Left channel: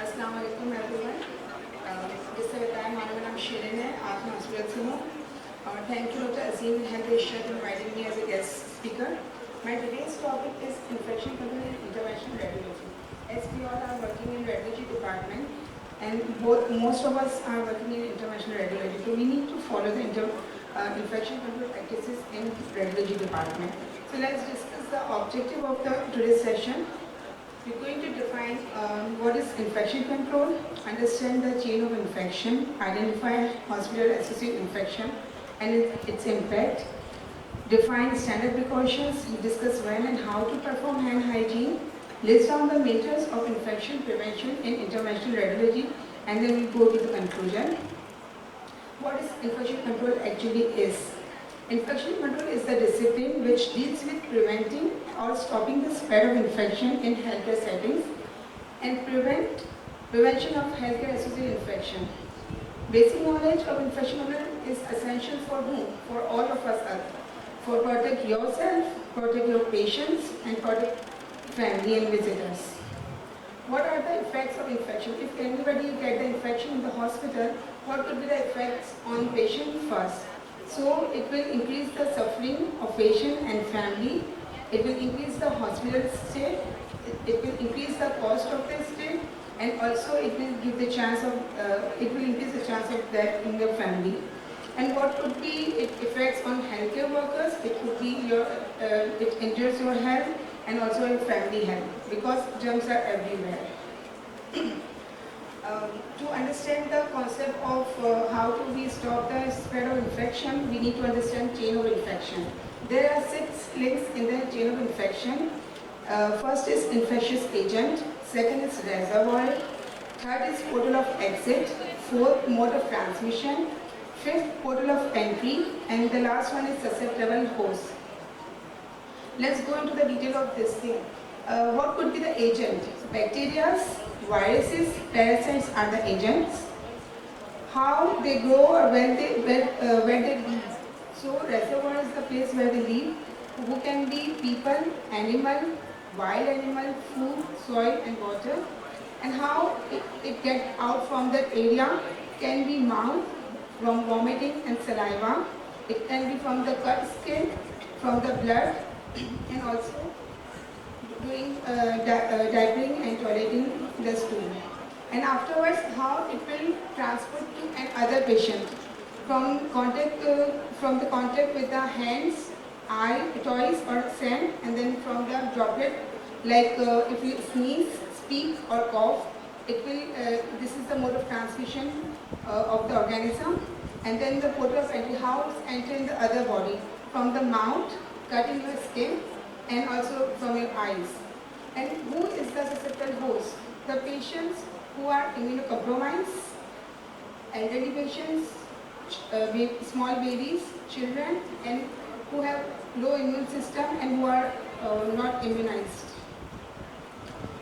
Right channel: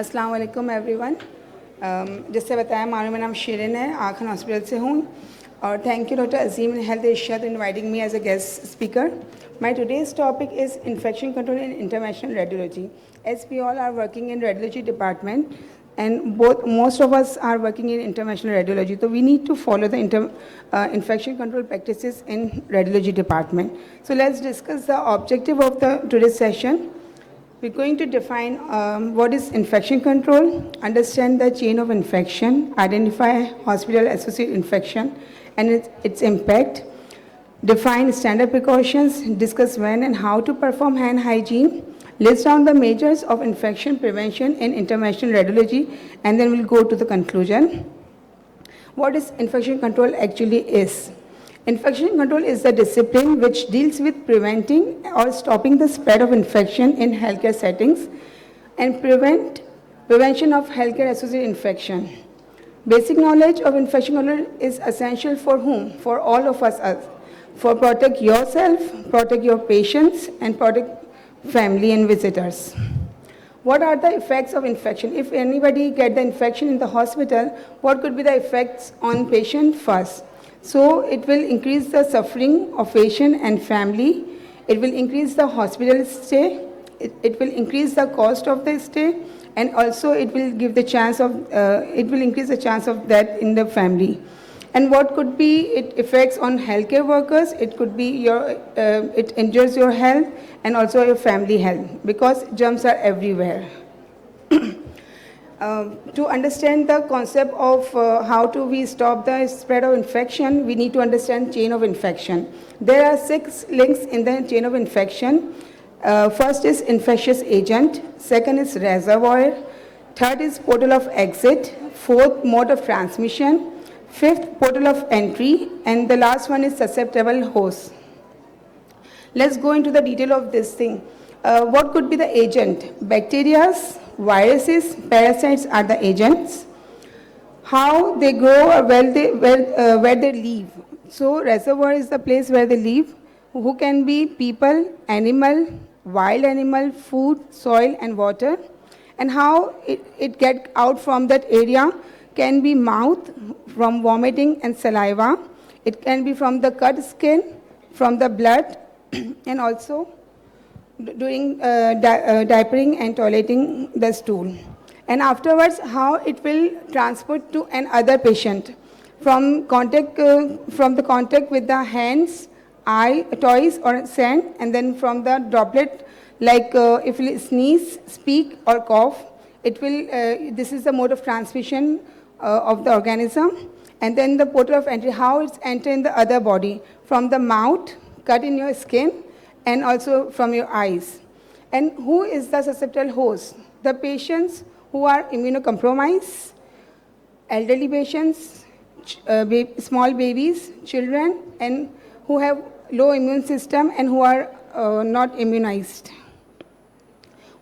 अस्सलाम वालेकुम एवरीवन। जैसे बताया मेरा नाम शिरिन है, आँखन हॉस्पिटल से हूँ और thank you doctor Azim health Irshad inviting me as a guest speaker. My today's topic is infection control in interventional radiology. As we all are working in radiology department and most of us are working in interventional radiology, so we need to follow the infection control practices in radiology department. So let's discuss the objective of the today's session. We're going to define what is infection control, understand the chain of infection, identify hospital-associated infection and its impact, define standard precautions, discuss when and how to perform hand hygiene, list down the measures of infection prevention in interventional radiology, and then we'll go to the conclusion. What is infection control actually is? Infection control is the discipline which deals with preventing or stopping the spread of infection in healthcare settings and prevention of healthcare-associated infection. Basic knowledge of infection control is essential for whom? For all of us. For protect yourself, protect your patients, and protect family and visitors. What are the effects of infection? If anybody get the infection in the hospital, what could be the effects on patient first? So it will increase the suffering of patient and family. It will increase the hospital stay. It will increase the cost of the stay, and also it will give the chance of it will increase the chance of death in the family. And what could be its effects on healthcare workers? It could be it injures your health and also your family health because germs are everywhere. To understand the concept of how do we stop the spread of infection, we need to understand chain of infection. There are 6 links in the chain of infection. First is infectious agent, second is reservoir, third is portal of exit, fourth mode of transmission, fifth portal of entry, and the last one is susceptible host. Let's go into the detail of this thing. What could be the agent? Bacteria, viruses, parasites are the agents. How they grow or where they live. So reservoir is the place where they live. Who can be people, animal, wild animal, food, soil and water. And how it get out from that area can be mouth, from vomiting and saliva. It can be from the cut skin, from the blood, and also during diapering and toileting the stool. And afterwards, how it will transport to another patient from the contact with the hands, eye, toys or sand, and then from the droplet, like if you sneeze, speak or cough, it will. This is the mode of transmission of the organism. And then the portal of entry, how it's entered in the other body, from the mouth, cut in your skin, and also from your eyes. And who is the susceptible host? The patients who are immunocompromised, elderly patients, small babies, children, and who have low immune system and who are not immunized.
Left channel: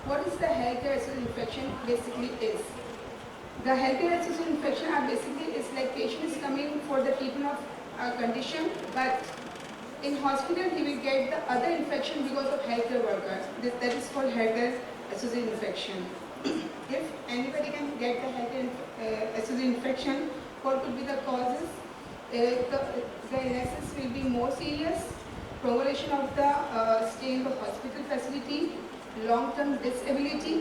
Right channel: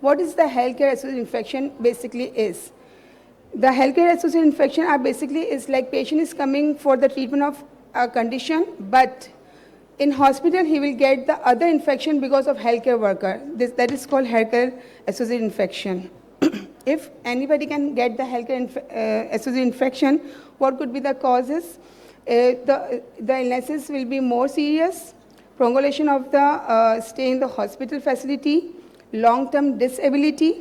What is the healthcare-associated infection basically is? The healthcare-associated infection are basically is like patient is coming for the treatment of a condition, but in hospital he will get the other infection because of healthcare worker. That is called healthcare-associated infection. If anybody can get the healthcare-associated infection, what could be the causes? The illnesses will be more serious, prolongation of the stay in the hospital facility, long-term disability,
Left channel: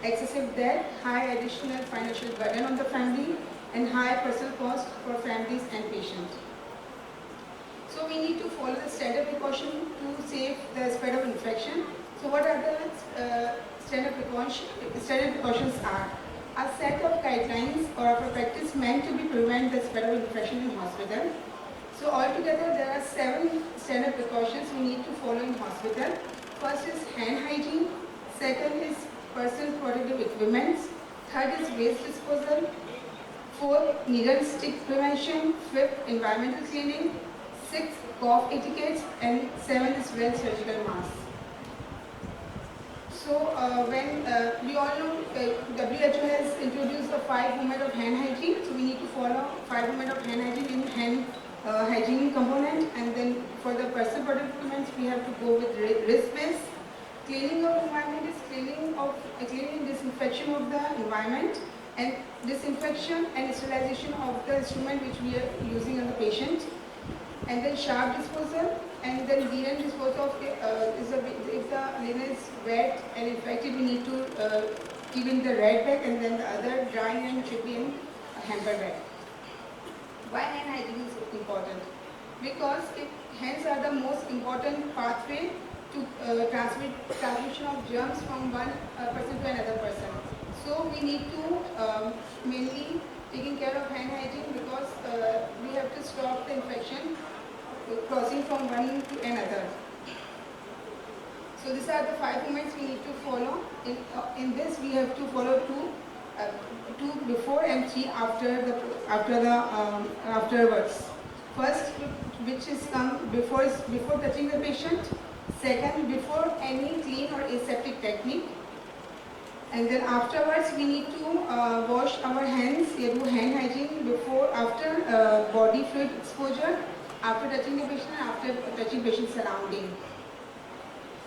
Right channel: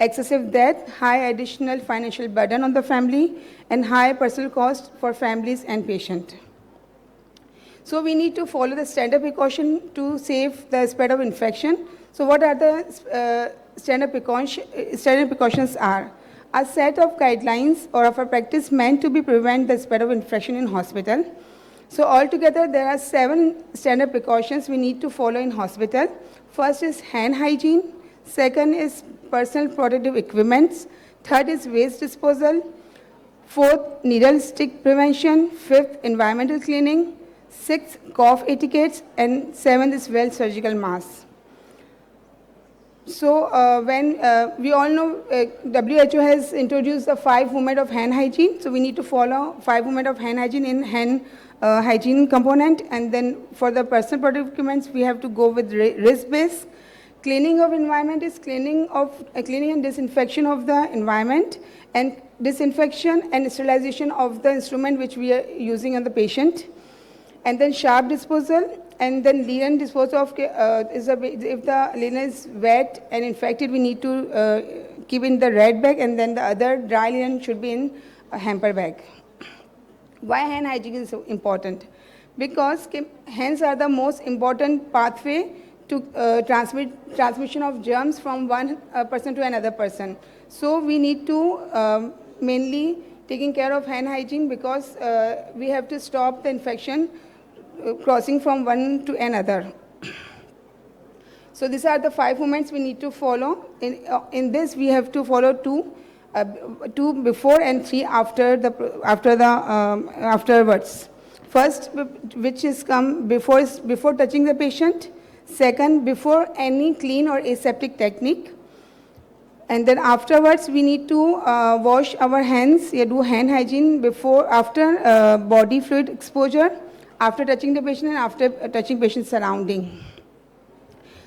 excessive death, high additional financial burden on the family, and high personal cost for families and patients. So we need to follow the standard precaution to save the spread of infection. So what are the standard precautions are? A set of guidelines or of a practice meant to prevent the spread of infection in hospital. So altogether there are 7 standard precautions we need to follow in hospital. First is hand hygiene, second is personal protective equipments, third is waste disposal, fourth needle stick prevention, fifth environmental cleaning, sixth cough etiquettes, and seventh is well surgical mask. So when we all know WHO has introduced the 5 movement of hand hygiene, so we need to follow 5 movement of hand hygiene in hand hygiene component, and then for the personal protective equipments we have to go with wrist-based Cleaning of environment is cleaning and disinfection of the environment, and disinfection and sterilization of the instrument which we are using on the patient. And then sharp disposal, and then linen disposal of if the linen is wet and infected, we need to keep in the red bag, and then the other dry linen should be in a hamper bag. Why hand hygiene is so important? Because hands are the most important pathway to transmission of germs from one person to another person. So we need to mainly taking care of hand hygiene, because we have to stop the infection crossing from one to another. So these are the 5 movements we need to follow. In this we have to follow two before and 3 afterwards. First, which is before touching the patient. Second, before any clean or aseptic technique. And then afterwards we need to wash our hands, do hand hygiene after body fluid exposure, after touching the patient and after touching patient's surrounding.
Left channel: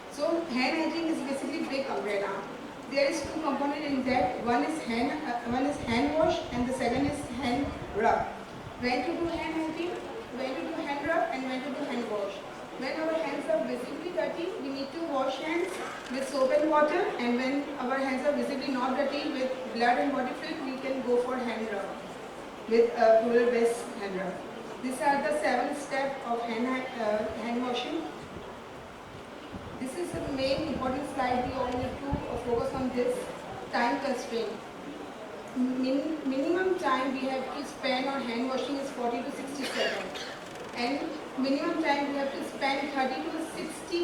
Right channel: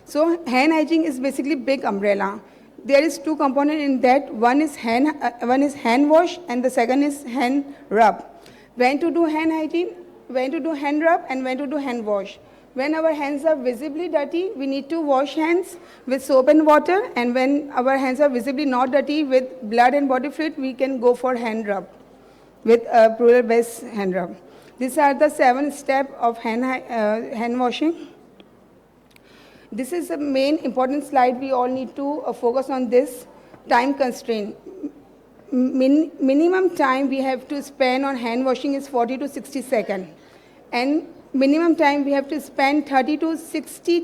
So hand hygiene is basically big umbrella. There is 2 components in that. One is hand wash, and the second is hand rub. When to do hand hygiene, when to do hand rub, and when to do hand wash. When our hands are visibly dirty, we need to wash hands with soap and water, and when our hands are visibly not dirty with blood and body fluid, we can go for hand rub with a plural based hand rub. These are the 7 steps of hand washing. This is the main important slide. We all need to focus on this. Time constraint. Minimum time we have to spend on hand washing is 40 to 60 seconds, and minimum time we have to spend 30 to 60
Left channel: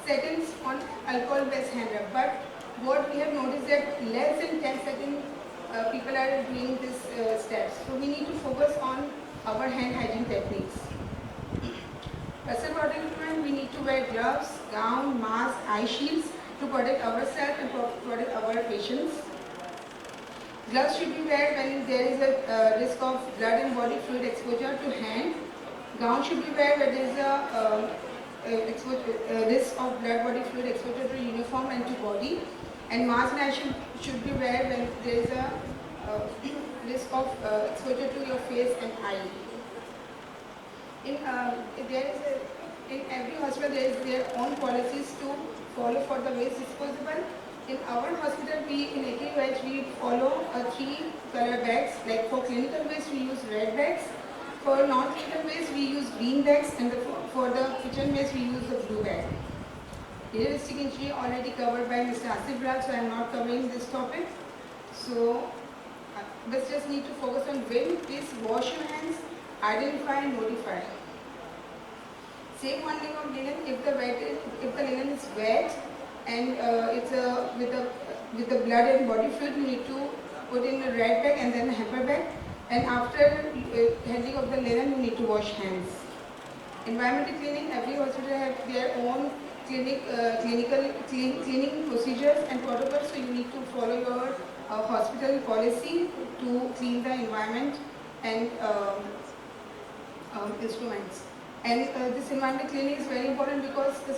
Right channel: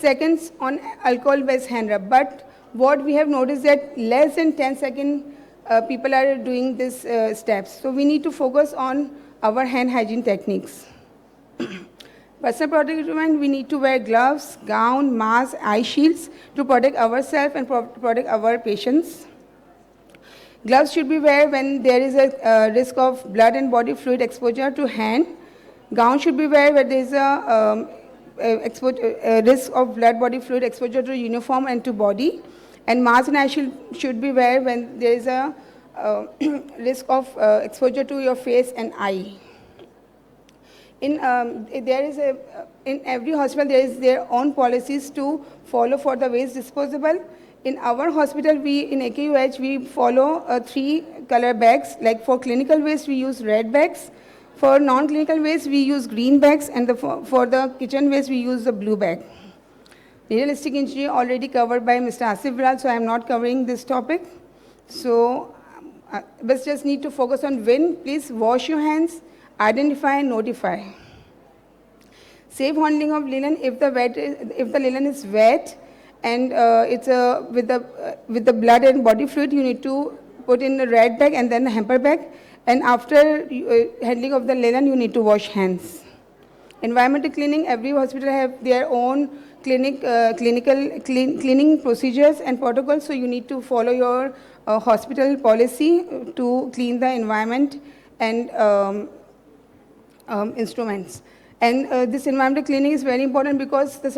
seconds on alcohol based hand rub. But what we have noticed that less than 10 seconds people are doing these steps. So we need to focus on our hand hygiene techniques. Personal protective equipment, we need to wear gloves, gown, mask, eye shields to protect ourselves and protect our patients. Gloves should be worn when there is a risk of blood and body fluid exposure to hand. Gown should be worn when there is a risk of blood body fluid exposure to uniform and to body. And mask and eye shield should be worn when there is a risk of exposure to your face and eye. In every hospital there is their own policies to follow for the waste disposable. In our hospital, in AKUH, we follow 3 color bags. Like for clinical waste, we use red bags. For non-clinical waste, we use green bags, and for the kitchen waste, we use the blue bag. Realistic injury already covered by Mr. Asif Bral, so I am not covering this topic. So, but just need to focus on when. Please wash your hands, identify and notify. Safe handling of linen. If the linen is wet and it's with the blood and body fluid, you need to put in the red bag and then the hamper bag. And after handling of the linen, you need to wash hands. Environmental cleaning. Every hospital have their own cleaning procedures and protocols. So you need to follow your hospital policy to clean the environment and instruments. And this environmental cleaning is very important because the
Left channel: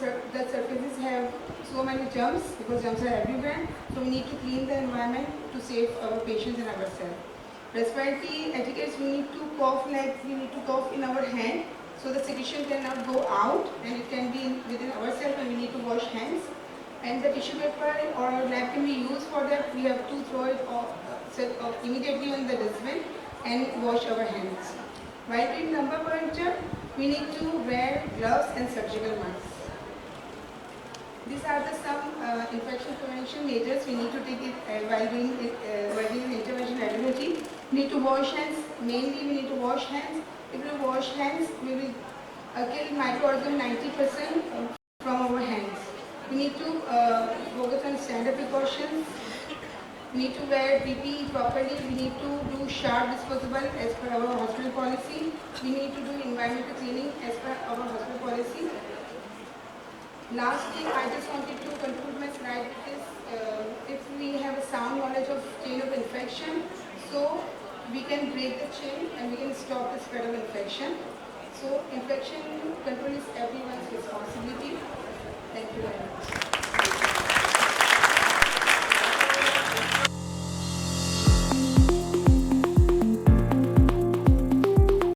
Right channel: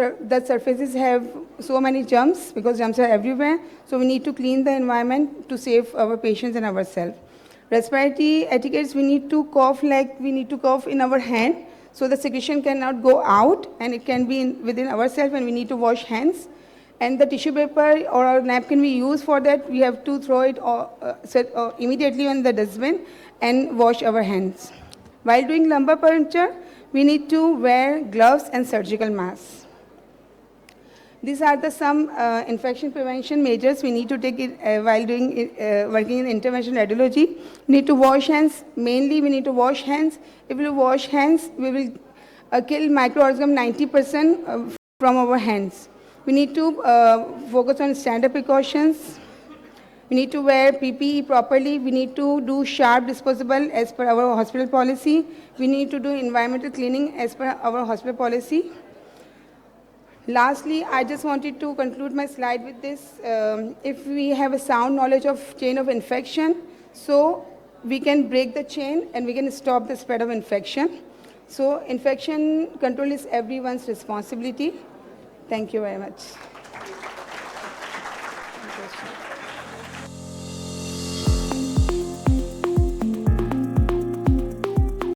surfaces have so many germs, because germs are everywhere. So we need to clean the environment to save our patients and ourselves. Respiratory etiquettes, we need to cough in our hand, so the secretion cannot go out and it can be within ourselves, and we need to wash hands. And the tissue paper or napkin we use for that, we have to throw it immediately in the dustbin and wash our hands. While doing lumbar puncture, we need to wear gloves and surgical masks. These are some infection prevention measures we need to take while working in intervention radiology. We need to wash hands. Mainly, we need to wash hands. If we wash hands, we will kill microorganisms 90% from our hands. We need to focus on standard precautions. We need to wear PPE properly. We need to do sharp disposable as per our hospital policy. We need to do environmental cleaning as per our hospital policy. Lastly, I just wanted to conclude my slide with this. If we have a sound knowledge of chain of infection, so we can break the chain and we can stop the spread of infection. So infection control is everyone's responsibility. Thank you very much.